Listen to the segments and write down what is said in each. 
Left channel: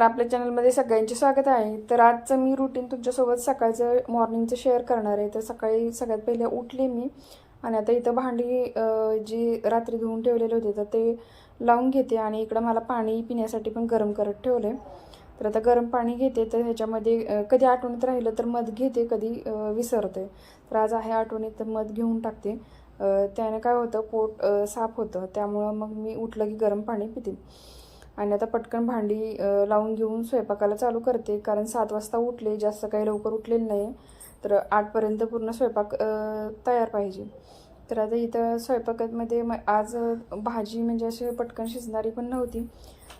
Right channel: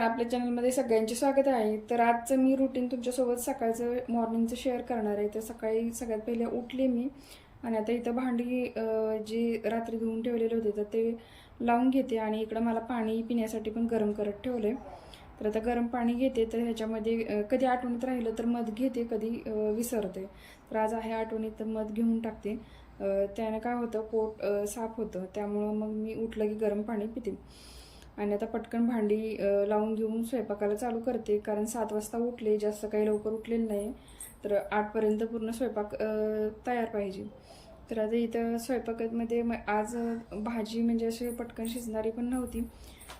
नमस्कार आपल्या चॅनलमध्ये सगळ्यांचे स्वागत आहे. तर आजचं मी रुटीन तुमच्यासोबत सकाळचं मॉर्निंगचं शेअर करणार आहे. तर सकाळी सगळ्यात पहिले उठले मी आणि आता इथं भांडी जी रात्री धुवून ठेवलेले होते तर ते लावून घेते आणि इकडं मला पाणी पिण्यासाठी पण गरम करत ठेवले तर आता गरम पाणी घेते तर ह्याच्यामध्ये कधी आठवणीत राहिलं तर मध घेते कधी विसरते. तर आज आहे आठवणीत तर मध घेऊन टाकते. त्यानं काय होतं पोट साफ होतं. त्यामुळं मग मी उठलं की गरम पाणी पिते. आणि आता पटकन भांडी लावून घेऊन स्वयंपाकाला चालू करते. कारण सात वाजता उठले जास्त काही लवकर उठलेलं नाही. तर आठपर्यंत पूर्ण स्वयंपाक तयार पाहिजे. तर आता इथं स्वयंपाकामध्ये म आज भाजी म्हणजे अशी पटकन शिजणारी पण नव्हती.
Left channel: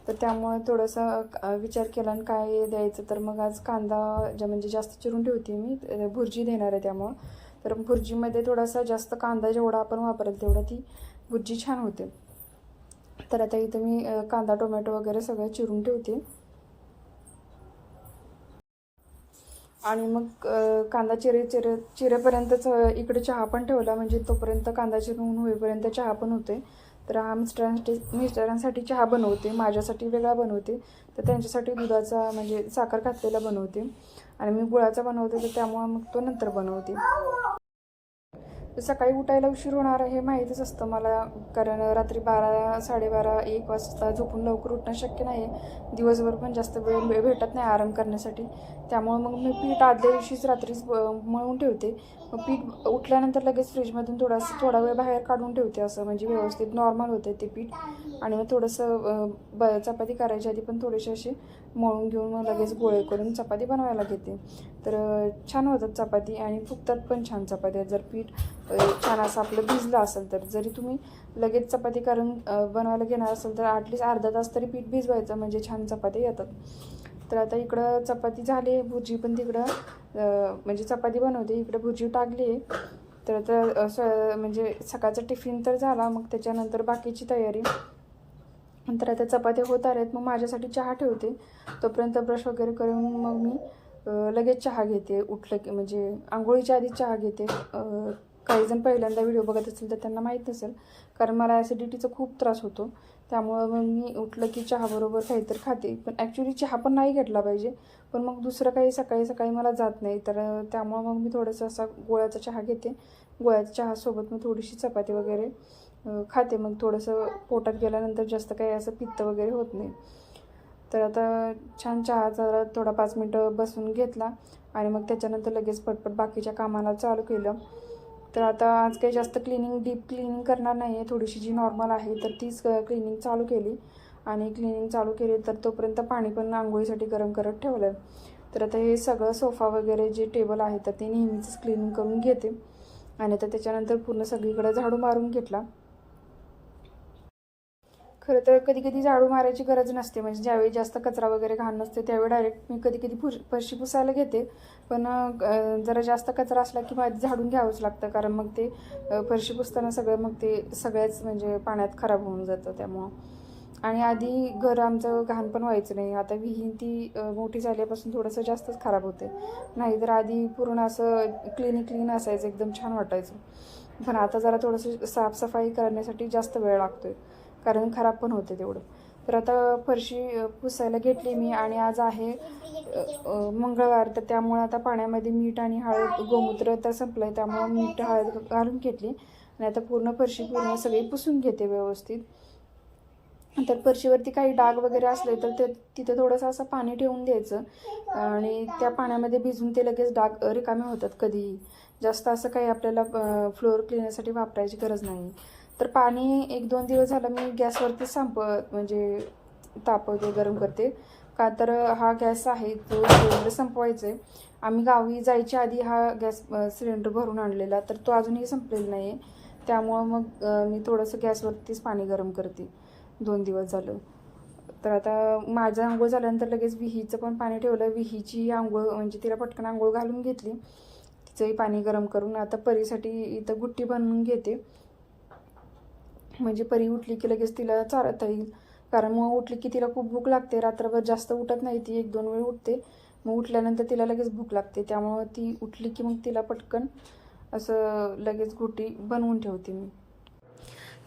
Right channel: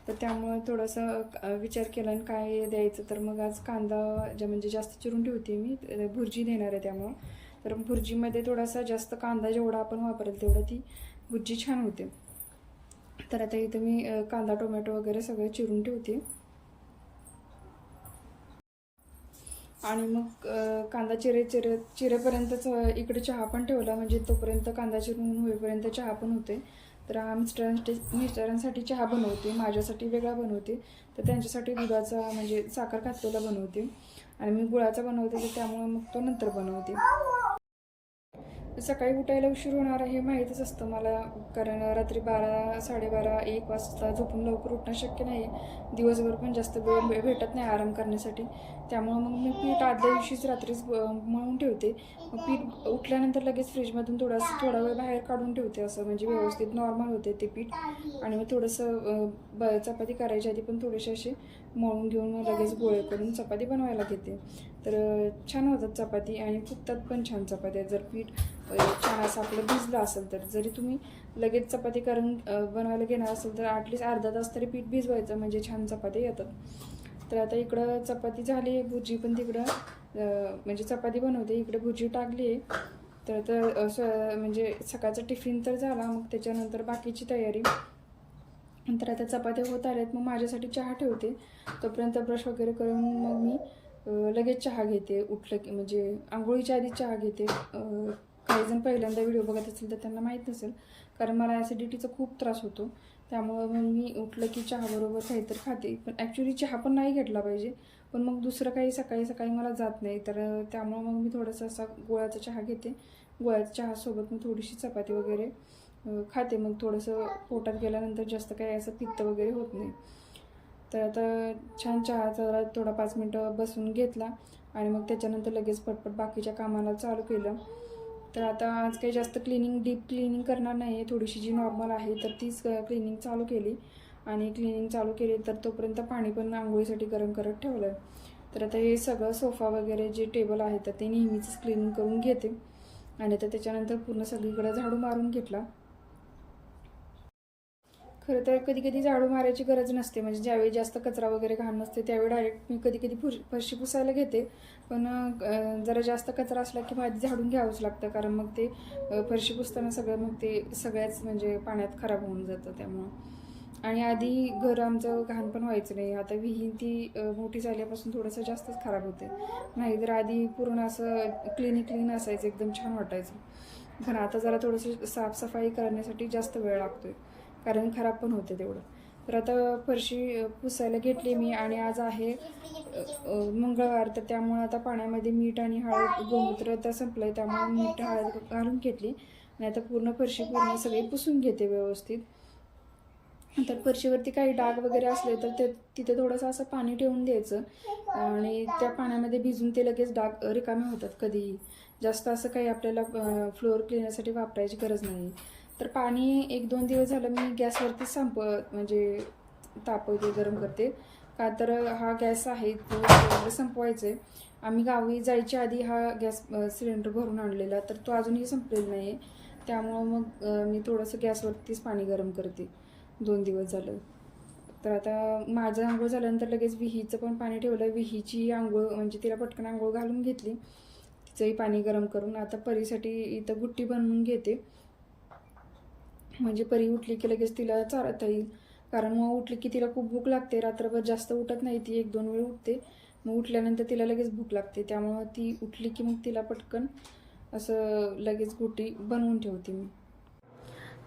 तर त्यामुळं थोडंसं विचार केला आणि काय द्यायचं. तर मग आज कांदा ज्या म्हणजे जास्त चिरून ठेवते मी भुर्जी देणार आहे त्यामुळं. तर भुर्जीमध्ये थोडासा जास्त कांदा जेवढा आपण वापरेल तेवढा ती भुर्जी छान होते. तर आता इथं मी कांदा टोमॅटो वगैरे सगळं चिरून ठेवते. आणि मग कांदा चिरे चिरे चिरेपर्यंतच इकडे चहा पण ठेवला. म्हणजे तोपर्यंत कांदा चिरून होईपर्यंत चहा पण होते. तर हा मिस्टरांसाठी मिस्टरांसाठी चहा बनवते. माझ्यासाठी वेगळा बनवते. तर त्यांच्यासाठी दुधाचा म्हणजे साखर घातलेला बनवते. आणि मी गुळाचा बनवते. तर त्यामुळं मग तो नंतर बनवते. सकाळी उठायला उशीर होणार हे माहीतच असतं मला. कारण रात्री बारा साडेबारा एक वाजता झोपून लवकर उठणं शक्य नाही आहे दिवसभर पण जास्त वेळ भेटत नाही आराम करण्यासाठी. त्यामुळं मग मी पीठ आदल्या दिवशीच रात्रीच मळून ठेवते. मग पीठ उठल्यानंतर लगेच फ्रीजमधून थोडासा थोडा वेळ बाहेर काढून ठेवते असं. म्हणजे व्यवस्थित नॉर्मल होते ते पीठ. आणि मग थोडंसं ब चपाती करायच्या आधी पण थोडेसे असे मळून घेऊन मग लगेच गोळे करून चपाती बनवायला घेते. तर छान होतात चपाती आणि फुगतात पण छान चपात्या. जर पीठ छान असं आपलं भिजलं असेल तर. जरी तुम्ही लगेच चपाती करून बनवायला घेणार असेल तर ॲटलिस्ट अर्धा तास तरी पीठ भिजवायचं म्हणजे छान चपाती येतात. तर आता इकडं चपाती झाली भुर्जी पण तिकडं म्हणजे चपाती बनवते. इकडं भुर्जी टाकली आहे. तर आता स- म्हणजे सकाळचा टिफिन तर झाला. मग त्याच्यानंतर बाकीची तयारी. नंतर आता चपात्या होत आहेत मग माझ्यासाठी चहा ठेवते. तोपर्यंत ब्रश वगैरे करून मग मी लगेच चहा घेते. उठलं की म्हणजे आंघोळीच्या आधी चहा घेते. काहीजण काही जण पहिल्यांदा व्हिडिओ बघत असेल तर त्यांना माहीत नसेल कारण मला ॲसिडिटीचा खूप त्रास होतो. त्यामुळं मग मी उठलं की चहाबरोबर काहीतरी खाते. पण ॲक्च्युली चहा पण नाही घेतला पाहिजे. पण मग दुसरं काही सकाळी सकाळी मला जात नाही. तर त्यामुळं मग मी थोडंसं असा गोळ्याचा चहा घेते. गोळ्याच्या चहासोबत मग थोडीशी चपाती वगैरे खाते. मग थोडंसं पोटात गेल्यानंतर जास्त काही असं पित्त वगैरे होत नाही. तर आता छान चहा जरा थोडा पाच मिनटं बसून घेतला आणि मग त्याच्यानंतर लगेच पटपट बाकीच्या कामाला चालू केलं. तर आता आज काही जास्त क्लिनिंग डीप क्लिनिंग करणार नाही आहे. थोडीशी जी नॉर्मल आहे तर तीच क्लिनिंग चालू केली. आणि क्लिनिंग चालू केली तर तोपर्यंत पाणी पण आंघोळीसाठी गरम करत ठेवलं तर आता हे सगळं सोफा वगैरे जे टेबल आहे तर ते नेहमीच क्लिनिंग करून घेते. आणि आता त्याच्यानंतर पूर्ण सगळीकडे झाडू मारून घेतला. खरं तर कधी कधी झाडू मारायची गरज नसते. म्हणजे ज्यावेळी जास्त कचरा वगैरे घाण नसते त्यावेळी डायरेक्ट मी कधी कधी फुर फरशी पुसायला घेते. पण जरा जास्त कचरा असला की माझी झाडून घ्यावंच लागतं. कारण मग ते फरशी पुसताना सगळं मग ते सगळ्याच म्हणजे पाण्यात खराब होऊन जातं त्यामुळं. आणि आधी घर आमचं घाण पण व्हायचं नाही. आता विहीन ती मोठी झाल्यापासून थोडंसं जास्तच खराब होते. नाही तर आधी पूर्ण असं क्लीन क्लीन असायचं. एकदम छान वाटायचं. पण आता जरा थोडंसं साफसफाई करण्यासाठी जास्त वेळ लागतोय. कारण खराब पण होते तेवढं. तर आता फरशी पुसायला घेतली मी आणि आज आहे मंगळवार. तर त्यामुळे आता पाण्यामध्ये मीठ आणि हळद गोमूत्र तर संपलं आहे त्यामुळं मीठ हळद घालून घेतली. आणि आता पूर्ण फरशी पूर्ण सगळी पुसून घेते व्यवस्थित. तर फरशीवरती काही डाग वगैरे असले तर ते तिथे थोडंसं असं पाणी ठेवून द्यायचं. आणि त्या पाण्यामध्ये भिजून ते लगेच डाग रिकामे होतात कधीही. जास्त असं काही आपल्याला फ्लोअर क्लिनरसाठी वापरायची गरज नाही. तर पाणी एक दोन दिवस झालं मी गॅसवरती संप म्हणजे तापवते गरम करते. का तर हा गॅस आहे जो सिलेंडर संपवायचा आहे आम्ही गावी जायच्या आधी हा गॅस सिलेंडर भरून आणलेला तर तो अजूनही संपलेला नाही आहे त्यामुळं मग मी थोडंसं गॅसवरतीच पाणी गरम करते. दोन दिवस झालं. तर आता माझं आंघोळ झाल्यानंतर लगेच विहीचं पण पाणी ठेवलं. विहीची आंघोळ म्हणजे तिला पटकन आंघोळ घालून घेतली. तिचंही पाणी गरम करून आता परीसाठी इथं गुट्टी बनवून घेते. म्हणजे परी उठली की लगेच तिला चारता येईल. कारण मग उठली की तिला खूप भूक लागते. रात्रभर जास्त उठत नाही ती. एक दोन वेळ उठते. मग उठल्यानंतर तिला लगेच भूक लागते. त्यामुळं ती उठली की मग तिला पटकन असं लगेच गुटी बनवून ठेवते मी.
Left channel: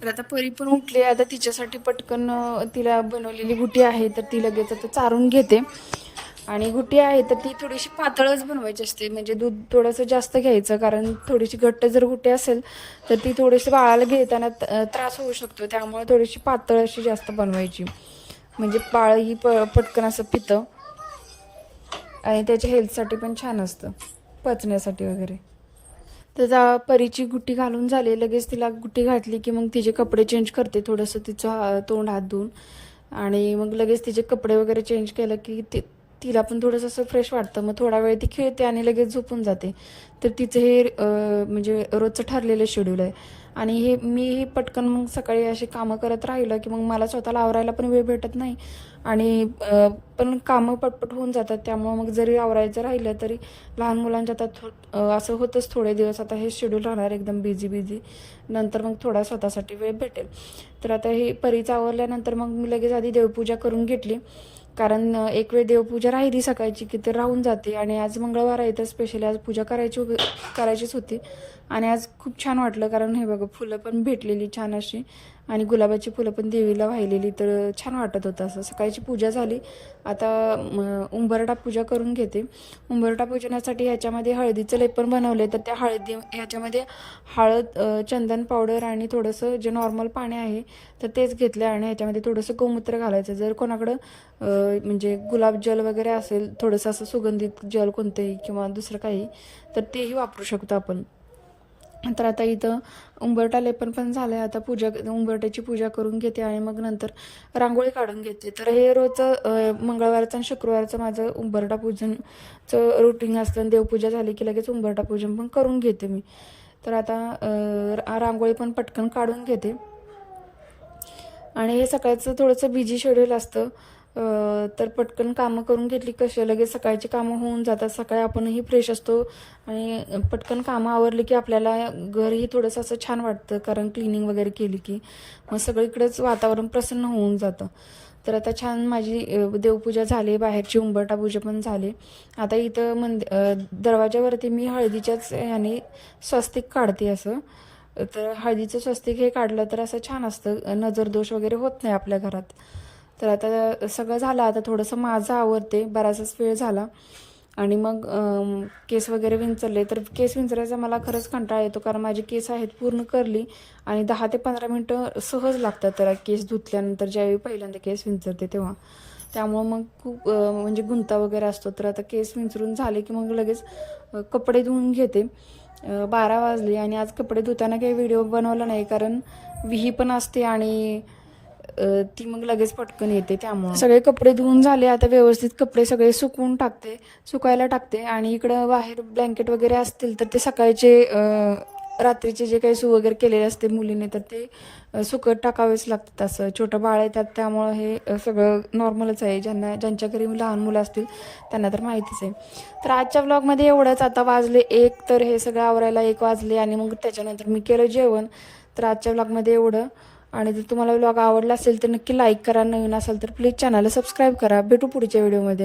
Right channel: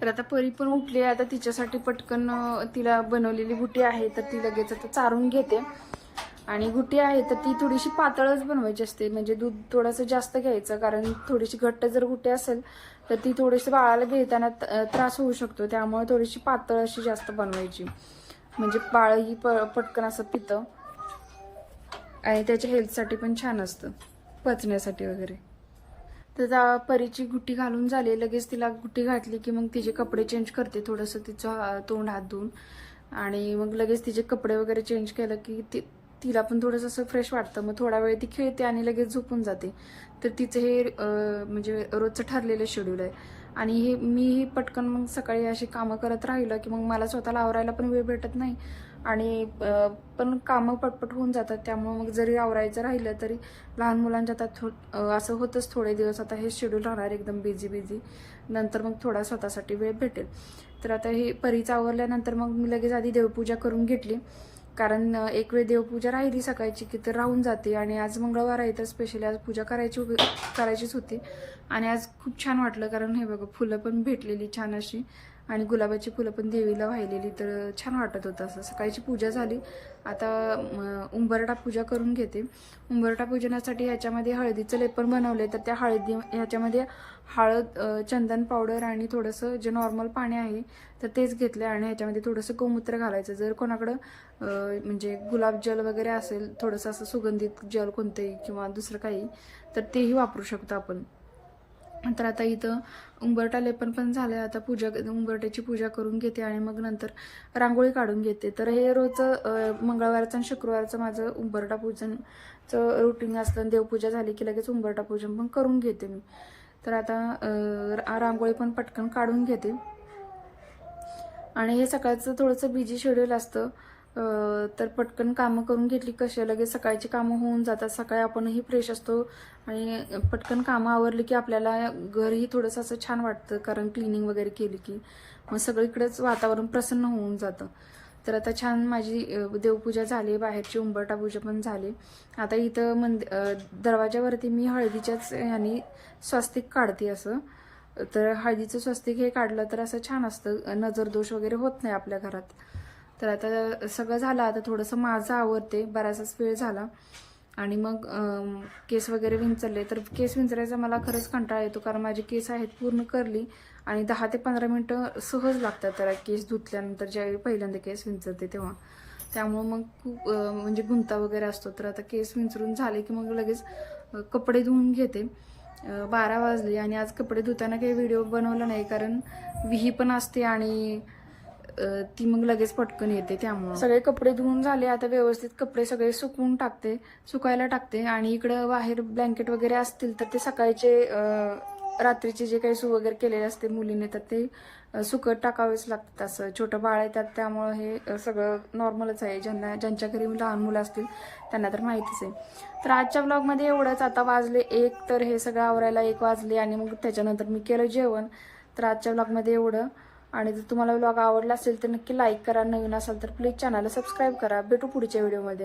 तर आता परी पण उठली. आता तिच्यासाठी पटकन तिला बनवलेली गुटी आहे. तर ती लगेच आता चारून घेते. आणि गुटी आहे तर ती थोडीशी पातळच बनवायची असते. म्हणजे दूध थोडंसं जास्त घ्यायचं कारण थोडीशी घट्ट जर गुटी असेल तर ती थोडीशी बाळाला घेताना त्रास होऊ शकतो. त्यामुळे थोडीशी पातळ अशी जास्त बनवायची. म्हणजे बाळ ही प पटकन असं पितं. आणि त्याच्या हेल्थसाठी पण छान असतं. पचण्यासाठी वगैरे. त्याचा परीची गुट्टी घालून झाली. लगेच तिला गुट्टी घातली की मग तिचे कपडे चेंज करते. थोडंसं तिचं हा- तोंड हात धुवून. आणि मग लगेच तिचे कपडे वगैरे चेंज केलं की ती तिला पण थोडंसं असं फ्रेश वाटतं. मग थोडा वेळ ती खेळते आणि लगेच झोपून जाते. तर तिचं हे म्हणजे रोजचं ठरलेलं शेड्यूल आहे. आणि हे मीही पटकन मग सकाळी अशी कामं करत राहिलं की मग मला स्वतःला आवरायला पण वेळ भेटत नाही. आणि पण कामं पटपट होऊन जातात. त्यामुळं मग जरी आवरायचं राहिलं तरी लहान मुलांच्या आता थो असं होतंच थोडे दिवस. आता हे शेड्यूल राहणार एकदम बिझी बिझी नंतर मग थोडा स्वतःसाठी वेळ भेटेल. तर आता हे परीचं आवरल्यानंतर मग मी लगेच आधी देवपूजा करून घेतली. कारण एक वेळ देवपूजा राहिली सकाळची की तर राहून जाते आणि आज मंगळवार आहे तर स्पेशली आज पूजा करायची होती- करायचीच होती. आणि आज खूप छान वाटलं कारण हे बघा फुलं पण भेटलेली छान अशी. आणि गुलाबाची फुलं पण देवीला वाहिलेली तर छान वाटत होतं असं. सकाळची पूजा झाली. आता उंबरटा उंबरठा पूजा करून घेते. उंबरटा पूजनासाठी ह्याच्यामध्ये हळदीचं लेपन बनवलं तर त्या हळदी ह्याच्यामध्ये हळद चंदन पावडर आणि थोडंसं जे नॉर्मल पाणी आहे तर तेच घेतलं आणि ह्याच्यामध्ये थोडंसं गोमूत्र घालायचं. जर कोणाकडं म्हणजे गुलाब जल वगैरे असेल थोडंसं असं सुगंधित जल कोणतंही किंवा दुसरं काही तर तेही वापरू शकतो आपण. तर आता इथं उंबरटा लेपन पण झालं आहे आता पूजा उंबरट्याची पूजा करून घेते आणि मग नंतर रांगोळी काढून घेते. तर हे रोजचं मंगळवारचं आणि शुक्रवारचं माझं उंबरटा पूजनचं रुटीन असतं आणि देवपूजा झाली की लगेच उंबरटा पूजन पण करून घेते मी. तर आता रा- रांगोळी पण पटकन काढून घेते. आणि हे सकाळचं थोडंसं बिझी शेड्यूल असतं. तर पटकन कामं करून घेतली कशी लगेच सकाळची कामं होऊन जातात. सकाळी आपणही फ्रेश असतो. आणि पटकन कामं आवरली की आपल्याला घरही थोडंसं असं छान वाटतं कारण क्लिनिंग वगैरे केली की मग सगळीकडेच वातावरण प्रसन्न होऊन जातं. तर आता छान माझी देवपूजा झाली बाहेरची उंबरटा पूजा पण झाली. आता इथं मंद दरवाज्यावरती दरवाजावरती मी हळदीच्याच याने स्वस्तिक काढते असं. तर हळदीचं स्वस्तिक हे काढलं तर असं छान असतं. नजर दोष वगैरे होत नाही आपल्या घरात. तर आता सगळं झालं. आता थोडंसं माझं आवडते बराचसाच वेळ झाला. आणि मग केस वगैरे विंचरले. तर केस विंचरायचा मला खरंच कंटाळा येतो. कारण माझे केस आहेत पूर्ण करली. आणि दहा ते पंधरा मिनटं सहज लागतात त्याला केस धुतल्यानंतर. ज्यावेळी पहिल्यांदा केस विंचरते तेव्हा. त्यामुळं मग खूप म्हणजे गुंता वगैरे असतो. तर आता केस विंचरून झाले की मग लगेच कपडे धुवून घेते. बारा वाजले. आणि आज कपडे धुताना काही व्हिडिओ बनवला नाही. कारण विही पण असते आणि ती मग लगेच पटकन येते त्यामुळे. सगळे कपडे धुवून झाले आता व्यवस्थित कपडे सगळे सुकवून टाकते सुकायला टाकते आणि इकडं बाहेर ब्लँकेट वगैरे असतील तर ते सकाळचे रात्रीचे जे काही सू वगैरे केलेले असते मुलीने तर ते सुकत टाकावेच लागतात असं. छोटं बाळ आहे त्यात त्यामुळं हे सगळं नॉर्मलच आहे. ज्यांना ज्यांच्या घरी लहान मुलं असतील त्यांना तर माहितीच आहे. तर आजच्या ब्लॉगमध्ये एवढंच. आता वाजले एक तर हे सगळं आवरायला एक वाजले आणि मग त्याच्यानंतर मी केलं जेवण. तर आजच्या ब्लॉगमध्ये एवढं. आणि जर तुम्हाला ब्लॉग आवडला असेल तर नक्की लाईक करा. नवीन असेल तर प्लीज चॅनलला सबस्क्राईब करा. भेटू पुढच्या व्हिडिओमध्ये